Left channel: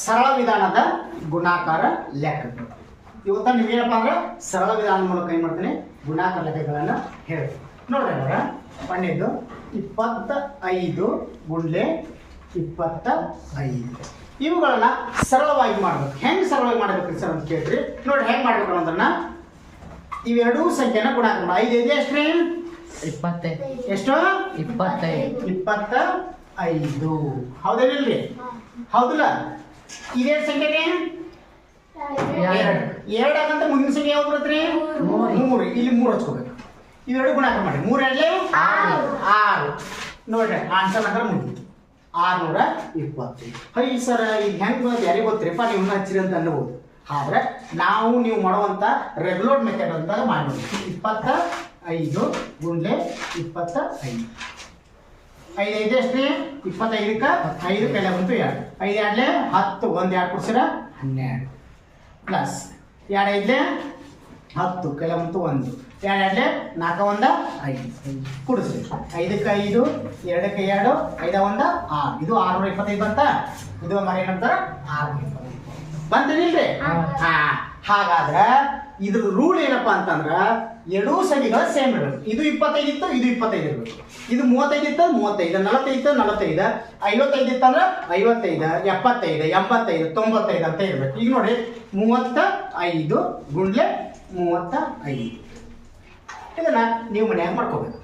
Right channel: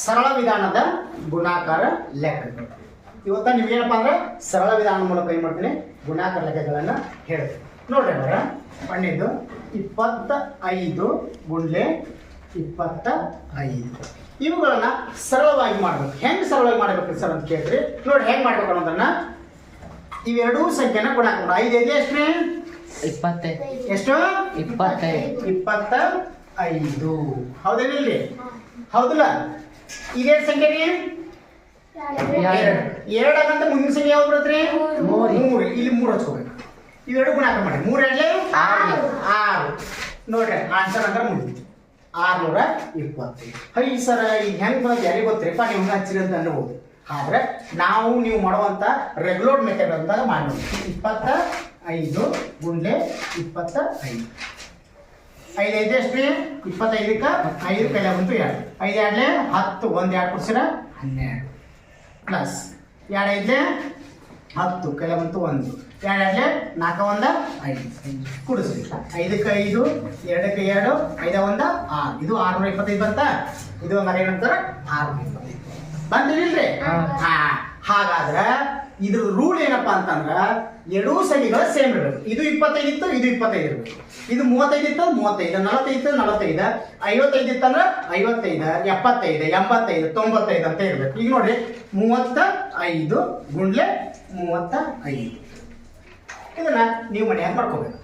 ಸರಳ ವಿಧಾನದ ಗುಣಾಕಾರ ಲೆಕ್ಕಗಳು. ಇವತ್ತು ನೀವೇನಪ್ಪ ಅಂದ್ರೆ ಸರಳ ವಿಧಾನ ಮೂಲಕ ಏನು ಮಾಡ್ತೀನಿ ಗುಣಾಕಾರ ಲೆಕ್ಕಗಳನ್ನು ಹೇಳ್ತೀನಿ. ನೋಡ್ರಿ ಅಂದ್ರೆ ಪಣ್ಣಿದ್ದು 25 ಗುಂಡ್ಲೆ 25 ಇವುಗಳನ್ನ ಸರಳವಾಗಿ ಮಾಡ್ಬೇಕು. ಹೆಂಗೆ ಸರಳವಾಗಿ ಮಾಡ್ಬೇಕು ಸರ್ ಅಂತ ಕೇಳ್ರಿ. ನೋಡಿ ಹೆಂಗೆ ಮಾಡ್ಬೇಕು ಅನ್ನೋದನ್ನ ಇವೆರಡೂ ಸಂಖ್ಯೆನ ಗುಣಾಕಾರ 5 ಐದು ಎಷ್ಟ್ರಿ 25 ಎಷ್ಟು 25 25 ಹೌದೇನಿಲ್ರಿ? ಹೌದಲ್ಲ? ಇದೇನು ಸಂಖ್ಯೆ ರೀ ಎರಡಕ್ಕಂತ ಮುಂದಿನ ಸಂಖ್ಯೆ ಯಾವ್ದು ಬರುತ್ತೆ? 3. ಇಲ್ಲಿ 3 ಹಚ್ಕೋಬೇಕು. ಇವೆರಡು ಗುಣಾಕಾರ ಮಾಡಿ 3 ಎರಡಲೆ 6. ನೋಡ್ರಿ ಆನ್ಸರ್ ಅಂದ್ರೆ ಮುಂದೆ 625. ಹೈ ಸರ ಈಗ ಹೆಂಗೆ ಬಂದು ಯಾರಿಗೆ ಗೊತ್ತಿರಪ್ಪ ನೀವು ಹಚ್ಚಿರಿ ಅಂತ ಅನ್ಬೋದು. ಆದ್ರೆ ನೀವು ಮಾಡುವಂತ ರೆಗ್ಯುಲರ್ ಮೆಥಡ್ ಅಂತ ಮಾಡಿ ನೋಡಿ. 25 ಗುಂಡ್ಲೆ 25 5 ಐದು ಎಷ್ಟ್ರಿ 25ಕ್ಕೆ 5 ಕೈಲ ಬಂತು 2 5 ಎರಡ್ಲೆ 10 1 2 ಕೊಡ್ಸಿರ 12 ಪ್ಲಸ್ 2 ಐದ್ಲೆ 10 ಕೈಲ ಬಂತು 1 2 ಎರಡ್ಲೆ 4 1 5 ಕುಡಿಸ್ರಿ 5ಕ್ಕೆ 5 2ಕ್ಕೆ 2 5 1 6 ಇದು 625 ಬರ್ತಾ. ಇದು ಹಂಗಾರೆ ಏನಂತಾರ 625 ಬಂದಿಲ್ರಿ? ಹಾಗಾದ್ರೆ ಇದ್ರ ರೂಲ್ ಏನಪ್ಪ ಅಂತಂದ್ರ ಎರಡೂ ಸಂಖ್ಯೆಗಳು ಸೇಮ್ ಇರಬೇಕು. ಇದು 25 ಇತ್ತು, ಇದು 25 ಇರಬೇಕು. ಇದು 35 ಇತ್ತು 35, 45 ಇತ್ತು 45, 55 ಇತ್ತಂದ್ರೆ 55, 75, 85, 95 ಅಂತ ಇರಬೇಕು. ಈಗ ನೋಡ್ರಿ 35 ಗುಂಡ್ಲೆ 35 ಇದನ್ನ ನೀವು ಮನ್ಯಾಗ ಮಾಡ್ಕೋಬೇಕು.